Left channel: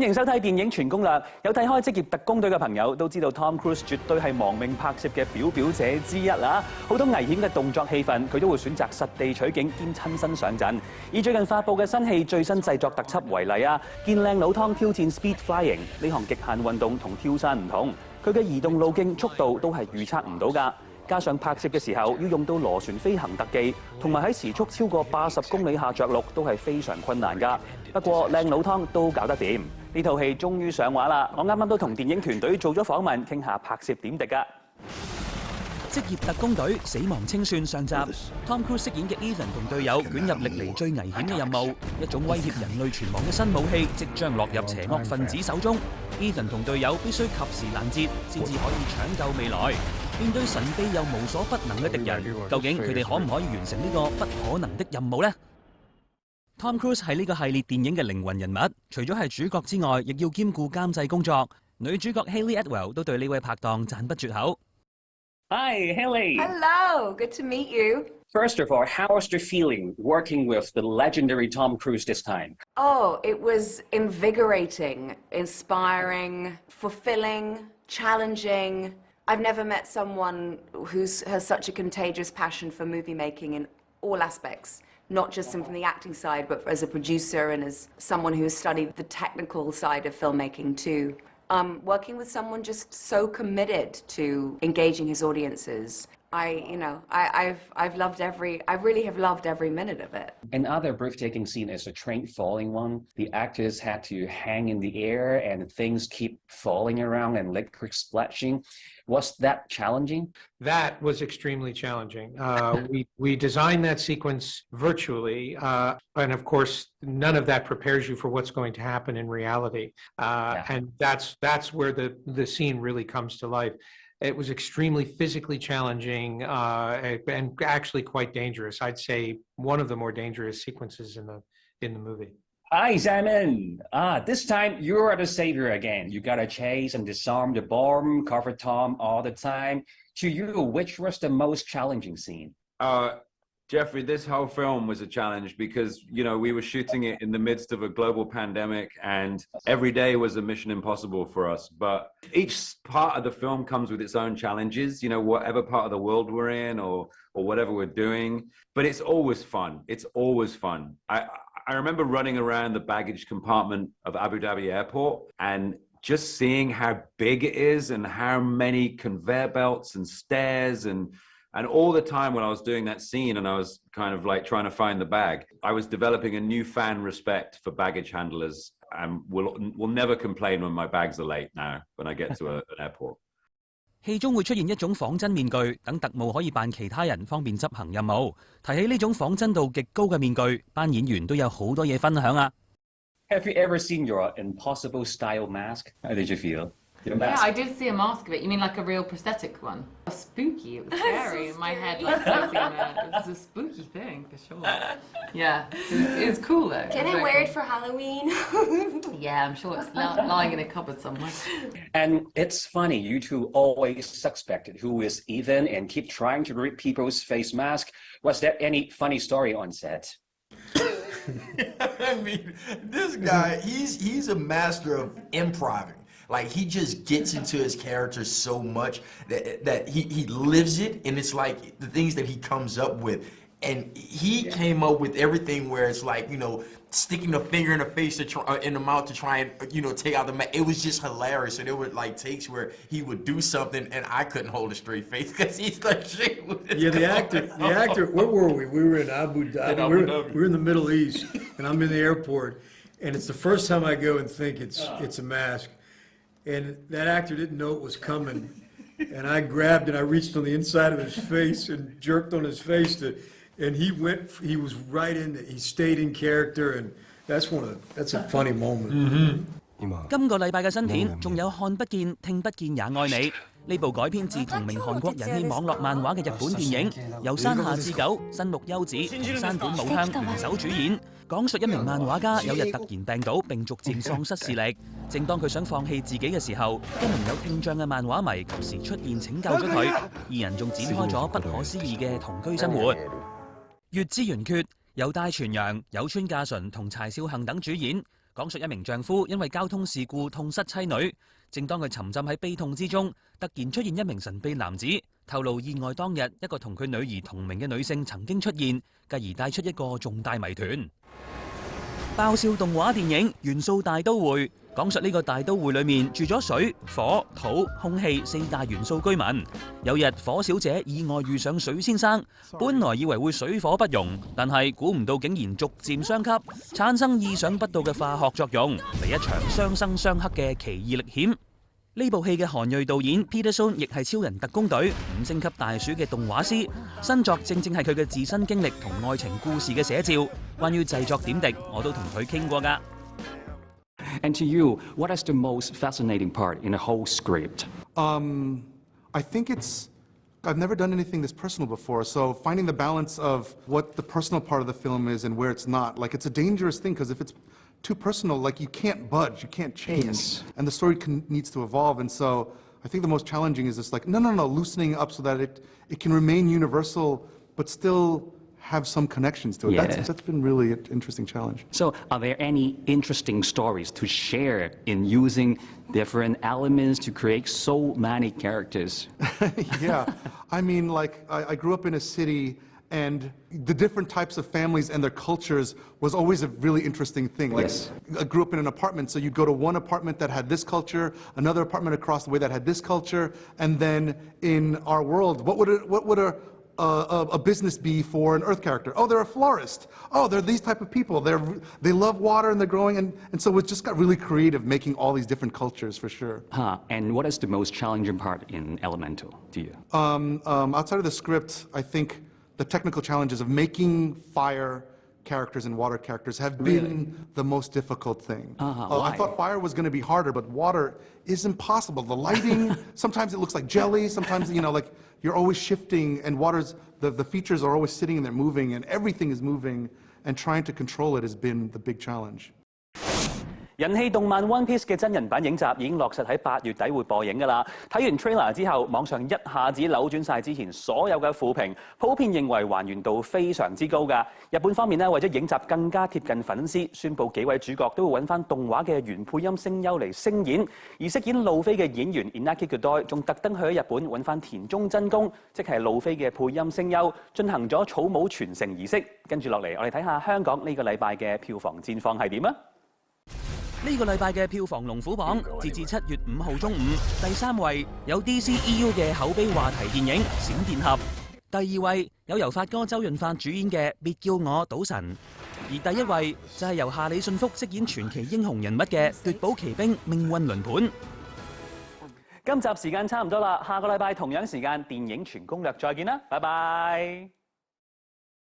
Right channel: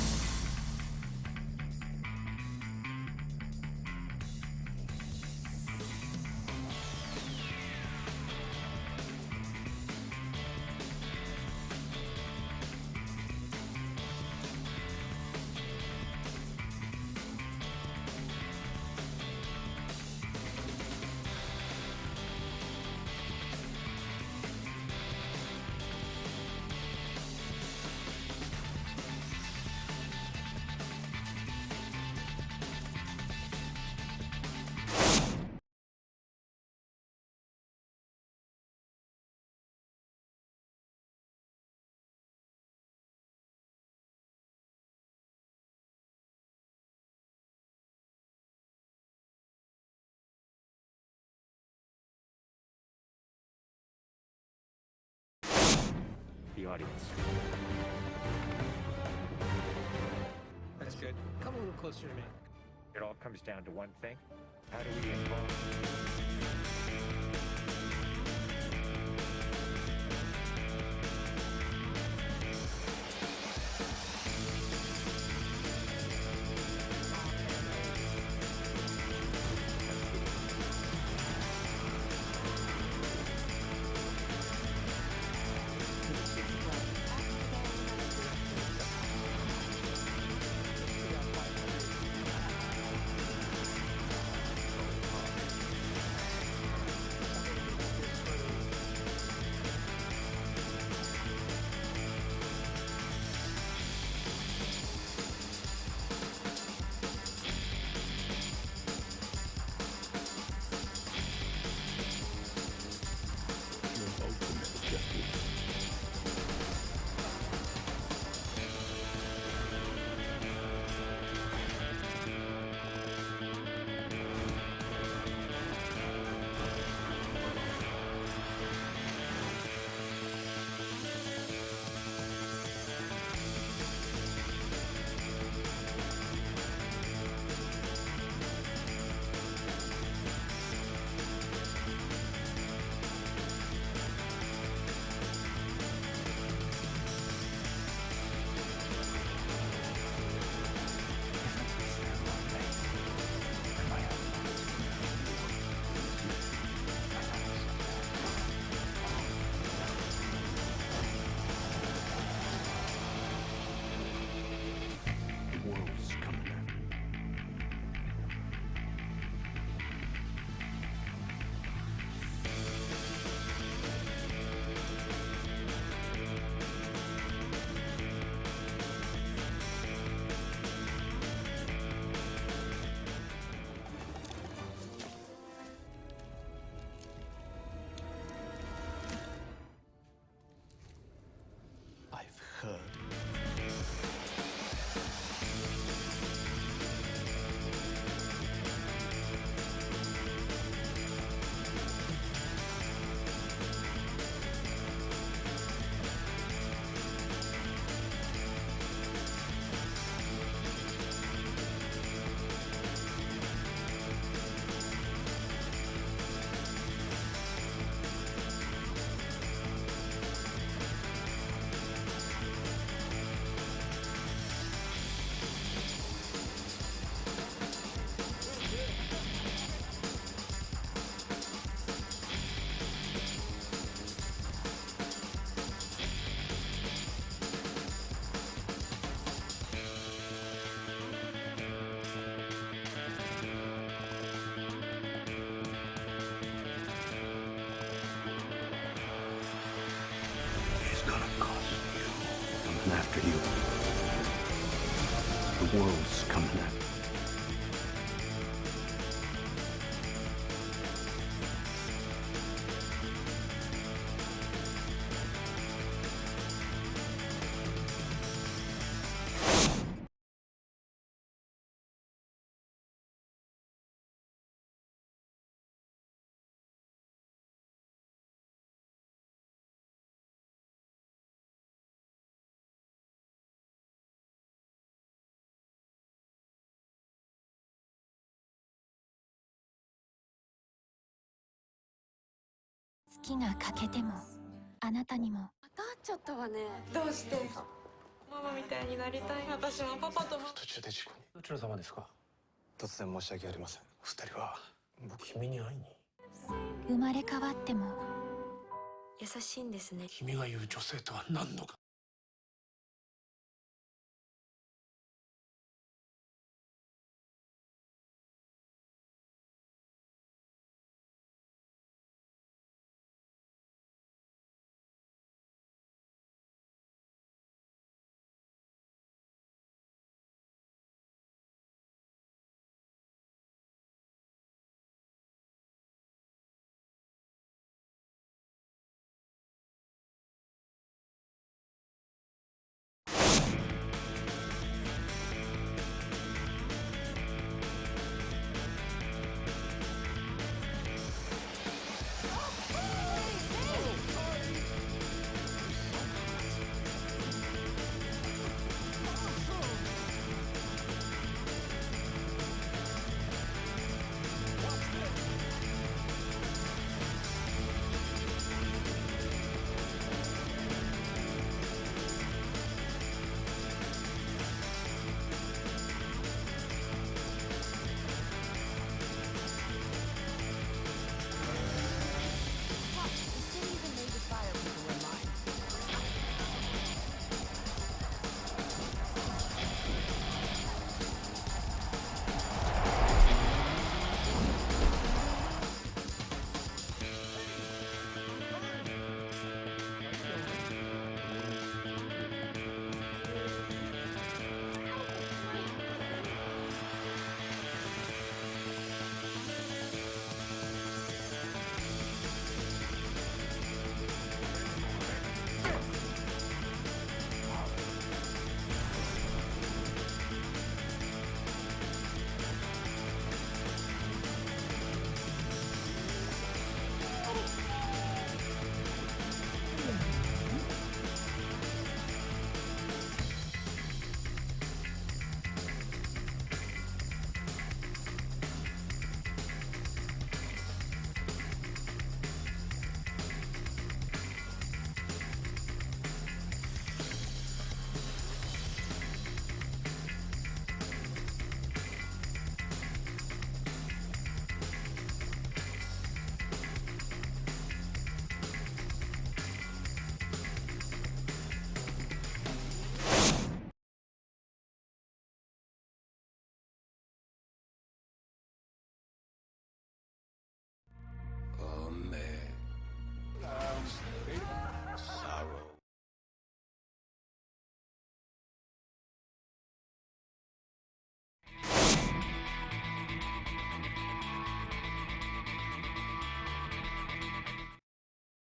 歡迎收睇電影全攻略。有睇開職業特工隊嘅朋友都知道 Tom Cruise 絕對係亡命拍攝嘅表表者之一啦。好多危險嘅動作戲份，佢都會選擇實地取景兼親身上陣。以最近發布嘅新戲最新製作特輯為例啊，見靚佬湯挑戰 Speed Flying 呢項極限運動同跳傘唔同，佢嘅移動路徑、速度都係預測唔到㗎。加上拍攝嘅時候要用到螺旋飛行特技，同埋喺時速超過80公里下着陸都係非常困難㗎。不過靚佬湯都搞得掂。呢套戲終於上畫啦！我啱啱都同電影團隊做咗訪問，傾下拍攝點滴㗎。職業特工隊死亡清算上集 ，Tom Cruise 飾演嘅 Ethan 同隊友捲入歷嚟最危險嘅任務，一種威脅人類存亡嘅新武器即將落入邪惡分子手中。Ethan 同隊友必須及時攔截，先至可以搶救未來。面對神秘又無所不能嘅敵人，究竟佢哋可唔可以完成呢個不可能的任務呢？ Tom Cruise 係呢個系列電影嘅靈魂人物，除咗係主角之外，亦要兼顧監製工作。女主角 Hayley Atwell 都對呢位拍檔讚不絕口。Hi, Hayley. Hello, good to meet you. First of all, how was the feeling working with the legendary Tom Cruise this time? Oh, it was invigorating, inspiring, fulfilling, challenging. I've never met someone who has such a contagious passion for movie making in all aspects. Not just simply the acting side, but as a producer and as someone who has studied the technical side of filmmaking too. Working with someone just so committed to engaging his audiences. I really have loved every minute of it. Another breathtaking scene is a train falling one. The actors had to hang in the air and things keep falling around and liquid splashing. Was that challenging? That was extremely challenging. We designed that sequence virtually, and of course, none of that prepares you for what's going to happen in reality. And that's where the scene really comes to life. It was extremely physically challenging and actually quite dangerous. I'd say one of the more dangerous sequences in the movie. Hi, Simon. This time you're the savior again. You gotta chase and disarm the bomb, cover Tom all the time. To you, which was the most challenging scene? Jeoffrey, this whole film was a challenge because, you know, we were shooting it in the midst of a global pandemic and every day was a mission impossible for us. But each part of the film comes with its own challenges, you know, whatever part of the world we're in or whatever we're doing. But it's always fun. It's always fun. I remember running around the baggage compartment of Abu Dhabi airport and just seeing how big it is and how many conveyor belts and stairs and all the time when I was doing that scene and I was kind of like trying to find the bag, I was developing a newfound respect for baggage handlers and will never complain when my bags are late now when I get to an airport. 戲中會出現一種仿真面具，等特務可以扮其他人，方便執行任務。提起呢種仿真度極高嘅面具，班演員都有好多嘢分享啊！ Have you ever seen your impossible style mask? How did you feel? Yeah, I did see a mask of it. You mean like a real prosthetic one? Spooky. It's scary. My head like it's a spooky thing. Yeah, it's cool though. Can I wear it for Halloween? Yeah, I'm sure it's lying in a cupboard somewhere. And it's funny, you two always suspect who is Ethan and keep trying to read people's face mask. Was there any funny story on set? I mean, this guy, he's a master of improv. Like, he just gets into his character so much that he lives it, and it's like the things that he comes up with. And he came up with everything where it's like, you know, sticking a finger in the face in the mouth to try and, you know, take out the mask. It was just hilarious. And there were like takes where he would do something and I couldn't hold a straight face because he's like shit. Yeah, the actor, where were we? We were in Abu Dhabi. We were in the Middle East, and I'm in the airport. And it's the first time I go and think it's a mask. And that actor didn't know it was coming. And I grabbed and I reached on the inside of his face and jerked on his face and he was right in, he stayed in character, and that's a funny moment. 今個禮拜嘅新片仲有看不見聽不見也愛你呢部改編自同名韓國人氣網絡漫畫嘅日本電影，由山下智久、新木優子同山本舞香聯手主演，講述一名漫畫家有日突然病倒並逐漸喪失視力。正當佢想放棄自己嘅時候，一名有聽障嘅漫畫迷及時出現拯救咗佢，二人仲展開咗不可思議嘅同居生活。月之圓缺由大泉洋、有村架純同柴少幸等主演。講述一名丈夫因為交通事故痛失妻女，正當佢沉浸喺悲痛之中，突然出現一名神秘男子，透露意外當日一個同佢女兒同名嘅女性曾經出現，繼而帶出一個重大謎團。爆笑動畫電影《元素大都會》講述呢個大都會裏面住咗水、火、土、空氣4大元素居民。有日火小姐意外遇上水先生，本來以為會水火不容，但係估唔到竟然逐漸相吸，產生意想不到嘅化學作用，嚟一場相生相克嘅奇異歷險。呢部戲嘅韓裔導演 Peterson 亦係超人特工隊5星級大鼠嘅動畫師，新作正係佢嘅自身經歷同愛情故事嘅寫照。關於製作點滴，我都同佢傾過㗎。And to you, what is the most fascinating part in the whole script? I think I've never done anything this personal before, so finding the balance of what the personal part of the film is and where it's not. Like, it's a dangerous thing, because if it's too personal, like, you can't budge, you can't change, and the story needs to evolve. And so I think the most challenging is just like, no, loosening up so that it can remain universal, but still have some connections to it. Yeah. That's been really an interesting challenge. So, are there any interesting stories to share in using different elements to create so many characters? Yeah, I mean, like, I grew up in a city, and the different types of families and their cultures was always a really interesting thing. Like, yes. I grew up in an apartment, so you go to one apartment that had this culture, another apartment across the way that had this culture, and then in our world, what would a business be for an Earth character? Oh, they're a florist. Oh, they're these type of people. They love water and they're growing, and so it just got really creative making all these different cultures for sure. And what is the most challenging part in Elemental to you? Outside of the script, I think the technical challenges of making fire characters and water characters have been the most difficult thing. I thought fire was going to be harder, but water is impossible. The lighting, sometimes it looks like jelly, sometimes, like you're always shifting, and the features are always sitting there moving, and everything is moving, and trying to control it has been the big challenge. 人氣動漫 One Piece 嘅真人版影集已經落實喺8月底會播映㗎啦。睇完 trailer 之後，網上一下子扭轉晒之前所有嘅負評，普遍認為還原度非常之高㗎。日本方面呢，為咗影集更加貼近粉絲，宣布幾位主角都會揾翻動畫嘅原配音聲優嚟聲演，而飾演路飛嘅演員 Inaki Godoy 仲特登去咗日本揾翻田中真弓，即係路飛嘅配音聲優，進行咗草帽傳承儀式。跟住落嚟，我哋睇下香港呢個禮拜嘅票房戰況係點啊！呢個禮拜嘅票房龍虎榜，截至7月5號中午，第3位有 DCEU 嘅口碑話題電影《閃電俠》，第2位有由發哥周潤發主演嘅《別叫我賭神》，而第1位就係由夏里信福飾演傳奇英雄人物嘅《奪寶奇兵命運輪盤》。今集時間差唔多啦，下個禮拜同樣時間電影全攻略再見啦，拜拜。